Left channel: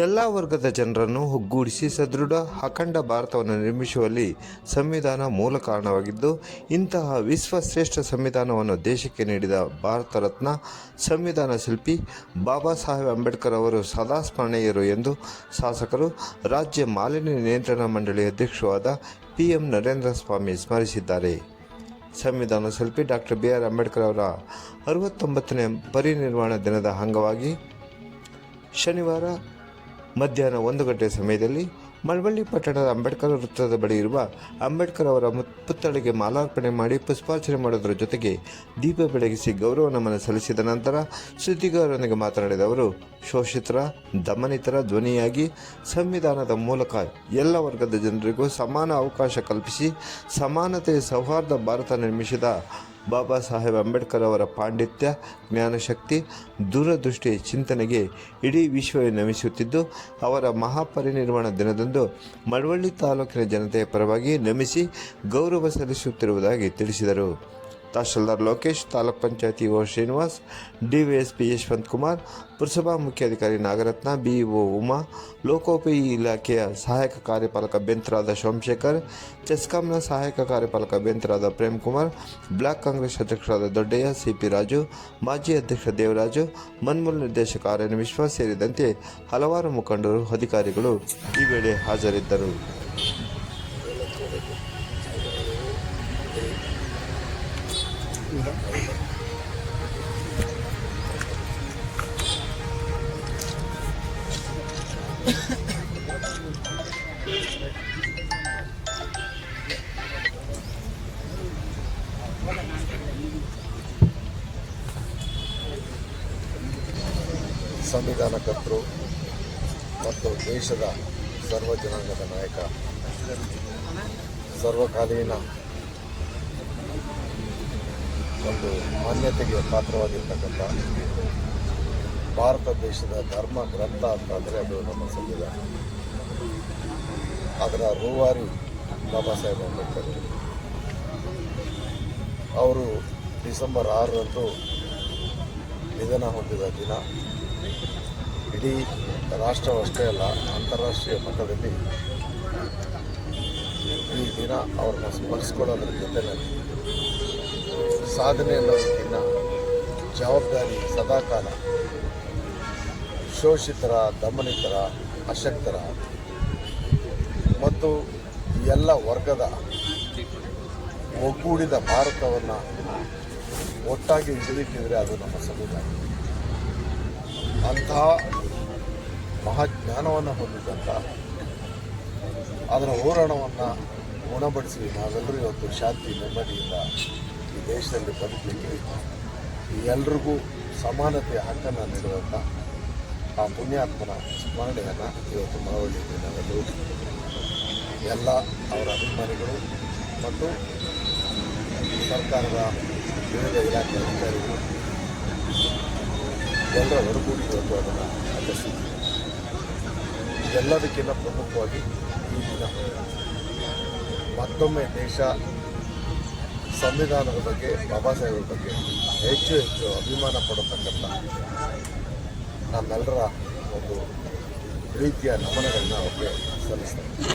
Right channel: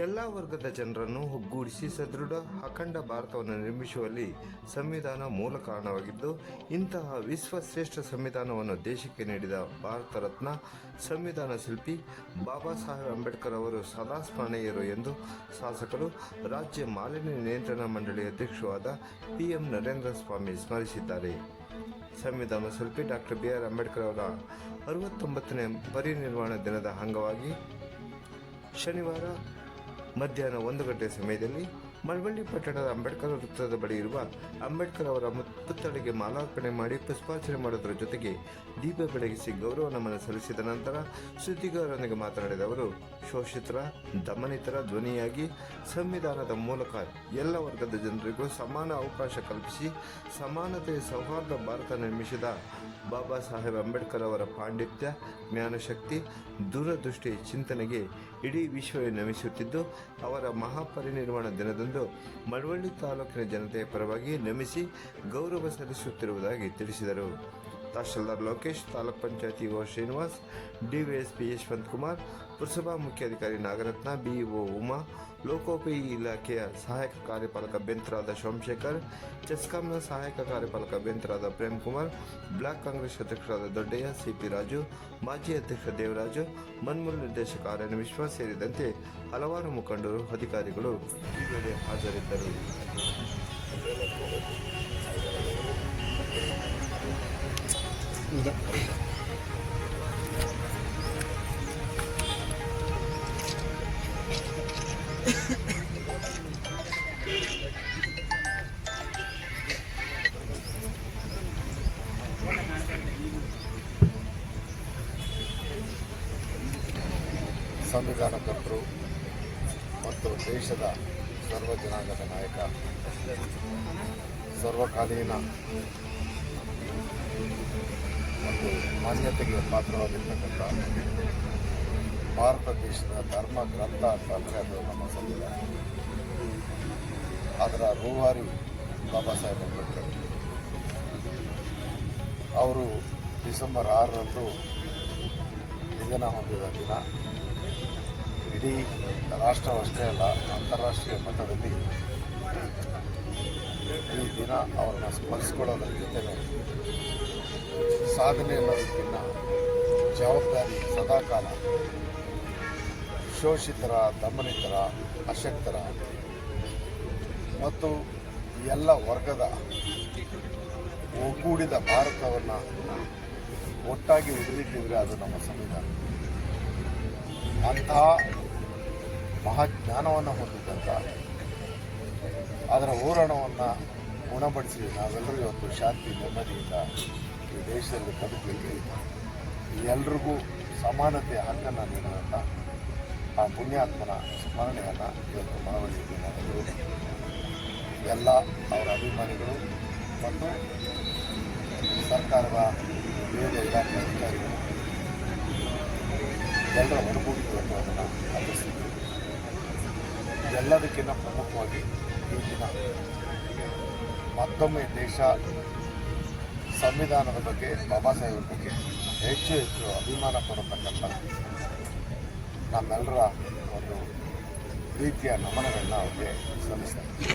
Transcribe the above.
ಎಲ್ಲ ವರ್ಗದ ಜನರನ್ನು ಒಗ್ಗೂಡಿಸಿ ಸದೃಢ ಅಖಂಡ ಭಾರತವನ್ನು ನಿರ್ಮಿಸುವಲ್ಲಿ ಸಂವಿಧಾನ ಮೂಲ ಕಾರಣವಾಗಿದ್ದು, ಇಂತಹ ವಿಶ್ವಶ್ರೇಷ್ಠ ಸಂವಿಧಾನವನ್ನು ದೇಶಕ್ಕೆ ನೀಡಿದ ಭಾರತ ರತ್ನ ಸಂವಿಧಾನ ಶಿಲ್ಪಿ ಬಾಬಾ ಸಾಹೇಬ್ ಅಂಬೇಡ್ಕರ್ ಅವರು ಸದಾ ಸ್ಮರಣೀಯರು ಎಂದು ಶಾಸಕರು, ರಾಜ್ಯ ಮಾಲಿನ್ಯ ನಿಯಂತ್ರಣ ಮಂಡಳಿ ಅಧ್ಯಕ್ಷರೂ ಆದ PM ನರೇಂದ್ರ ಸ್ವಾಮಿ ಸ್ಮರಿಸಿದ್ದಾರೆ. ಸಂವಿಧಾನ ಶಿಲ್ಪಿ ಡಾಕ್ಟರ್ BR ಅಂಬೇಡ್ಕರ್ ಅವರ 69ನೇ ಪರಿನಿರ್ವಾಣ ದಿನದ ಅಂಗವಾಗಿ ಶನಿವಾರ ಮಧ್ಯಾಹ್ನ 1 ಗಂಟೆ ಸಮಯದಲ್ಲಿ ಮಳವಳ್ಳಿ ಪಟ್ಟಣದ ಅಂಬೇಡ್ಕರ್ ವೃತ್ತದ ಬಳಿ ಇರುವ ಅಂಬೇಡ್ಕರ್ ಅವರ ಪುತ್ಥಳಿಗೆ ಮಾಲಾರ್ಪಣೆ ಮಾಡಿ ಪುಷ್ಪಾರ್ಚನೆ ಮಾಡೋದರ ಜೊತೆಗೆ ದೀಪ ಬೆಳಗಿಸಿ ಗೌರವ ನಮನ ಸಲ್ಲಿಸಿದ ನಂತರ ಸುದ್ದಿಗಾರರೊಂದಿಗೆ ಮಾತನಾಡಿದ ಅವರು, ಶೋಷಿತರ, ದಮನಿತರ ಧ್ವನಿಯಾಗಿ ಸಂವಿಧಾನದ ಮೂಲಕ ಎಲ್ಲ ವರ್ಗದ ಜನರಿಗೂ ಸಮಾನ ಅವಕಾಶ ಕಲ್ಪಿಸಿ ಸಮಾನತೆಯ ಸೌಹಾರ್ದ ಭಾರತ ನಿರ್ಮಿಸಿದ ಬಾಬಾ ಸಾಹೇಬ್ ಅಂಬೇಡ್ಕರ್ ಅವರ ಪಾಂಡಿತ್ಯ, ಜ್ಞಾನಶಕ್ತಿ, ದೂರದೃಷ್ಟಿ ಚಿಂತನೆಗೆ ಇಡೀ ವಿಶ್ವವೇ ನಮಿಸುತ್ತಿದ್ದು, ಅವರ ಮಹಾಪರಿನಿರ್ವಾಣ ದಿನದಂದು ಮಳವಳ್ಳಿ ತಾಲೂಕಿನ ಜನತೆಯ ಪರವಾಗಿ ನಮಿಸಿ ಗೌರವ ಸಲ್ಲಿಸುತ್ತಿರುವುದಾಗಿ ತಿಳಿಸಿದರು. ತಹಶೀಲ್ದಾರ್ ಲೋಕೇಶ್, ತಾಲೂಕ್ ಪಂಚಾಯತಿ OO ಶ್ರೀನಿವಾಸ್, DYSP ಯಶವಂತ್ ಕುಮಾರ್, ಪುರಸಭಾ ಮುಖ್ಯಾಧಿಕಾರಿ ನಾಗರತ್ನ, BO ಉಮಾ, ಲೋಕೋಪಯೋಗಿ ಇಲಾಖೆಯ ಸಹಾಯಕ ಕಾರ್ಯಪಾಲಕ ಅಭಿಯಂತರಾದ ಸೋಮಶೇಖರ್, ಚೆಸ್ಕಾಂನ ಸಹಾಯಕ ಕಾರ್ಯಪಾಲಕ ಅಭಿಯಂತರಾದ ಪ್ರೇಮ್ ಕುಮಾರ್, ಬ್ಲಾಕ್ ಕಾಂಗ್ರೆಸ್ ಅಧ್ಯಕ್ಷರಾದ ದೊಡ್ಡಯ್ಯ, CP ರಾಜು, ಮಾಜಿ ಅಧ್ಯಕ್ಷ ದೇವರಾಜು, ಮನ್ಮೂಲ ನಿರ್ದೇಶಕ RN ವಿಶ್ವ ಸೇರಿದಂತೆ ಹಲವಾರು ಮುಖಂಡರು, ಅಧಿಕಾರಿಗಳು ಈ ವೇಳೆ ಹಾಜರಿದ್ದರು. ಸಂವಿಧಾನಕರ್ತರು ಮತ್ತು ದೇಶದ ಸರ್ವ ಜನಾಂಗದ ನಾಯಕ, ಸರ್ವಕಾಲೀನ ಒಂದು ಮಾನ್ಯತೆಗೆ ಪಾತ್ರವಾಗಿರ್ತಕ್ಕಂಥ ಭಾರತ ದೇಶದ ಧರ್ಮ ಗ್ರಂಥ ಅಂತಂದರೆ ಅದು ನಮ್ಮ ಸಂವಿಧಾನ. ಅದರ ರೂವಾರಿ ಬಾಬಾ ಸಾಹೇಬ್ ಅಂಬೇಡ್ಕರ್ ಅವರು ಡಿಸೆಂಬರ್ 6ರಂದು ನಿಧನ ಹೊಂದಿದ ದಿನ. ಇಡೀ ರಾಷ್ಟ್ರವಷ್ಟೇ ಅಲ್ಲ, ಅಂತಾರಾಷ್ಟ್ರೀಯ ಮಟ್ಟದಲ್ಲಿ ಈ ದಿನ ಅವ್ರನ್ನ ಸ್ಮರಿಸ್ಕೊಳ್ಳೋದ್ರ ಜೊತೆಗೆ ಸಾಧನೆ ಅನ್ನೋದಕ್ಕಿಂತ ಜವಾಬ್ದಾರಿ ಸದಾಕಾಲ ಶೋಷಿತರ, ದಮನಿತರ, ಅಶಕ್ತರ ಮತ್ತು ಎಲ್ಲ ವರ್ಗದ ಒಗ್ಗೂಡಿದ ಭಾರತವನ್ನು ಒಟ್ಟಾಗಿ ಇಡಬೇಕಿದ್ರೆ ಅದು ನಮ್ಮ ಸಂವಿಧಾನ. ಅಂತಹ ಮಹಾಜ್ಞಾನವನ್ನು ಹೊಂದಿದ್ದಂಥ ಅದರ ಹೋರಾಟವನ್ನು ಉಣಬಡಿಸಿ ನಾವೆಲ್ಲರೂ ಇವತ್ತು ಶಾಂತಿ, ನೆಮ್ಮದಿಯಿಂದ ಈ ದೇಶದಲ್ಲಿ ಬದುಕಲಿಕ್ಕೆ ಎಲ್ರಿಗೂ ಸಮಾನತೆಯ ಹಕ್ಕನ್ನು ನೀಡುವಂಥ ಆ ಪುಣ್ಯಾತ್ಮನ ಸ್ಮರಣೆಯನ್ನು ಇವತ್ತು ಮಳವಳ್ಳಿಯಲ್ಲಿ ನಾವೆಲ್ಲರೂ ಎಲ್ಲ ಅವರ ಅಭಿಮಾನಿಗಳು ಮತ್ತು ಸರ್ಕಾರದ ವಿವಿಧ ಇಲಾಖೆ ಅಧಿಕಾರಿಗಳು ಎಲ್ಲರ ಹೊರಗೂಡಿ ಇವತ್ತು ಅದನ್ನು ಆಚರಿಸಿದ್ದೀವಿ. ಎಲ್ಲದಕ್ಕಿಂತ ಪ್ರಮುಖವಾಗಿ ಈ ದಿನ ಮತ್ತೊಮ್ಮೆ ದೇಶ ಸಂವಿಧಾನದ ಬಗ್ಗೆ, ಬಾಬಾ ಸಾಹೇಬರ ಬಗ್ಗೆ ಹೆಚ್ಚು ಹೆಚ್ಚು ಅಭಿಮಾನ ಪಡತಕ್ಕಂಥ ನಮ್ಮೆಲ್ಲರ ಒಂದು ಪ್ರೀತಿಯ ನಮನಗಳನ್ನ ಅವ್ರಿಗೆ ಸಲ್ಲಿಸ್ತಾರೆ.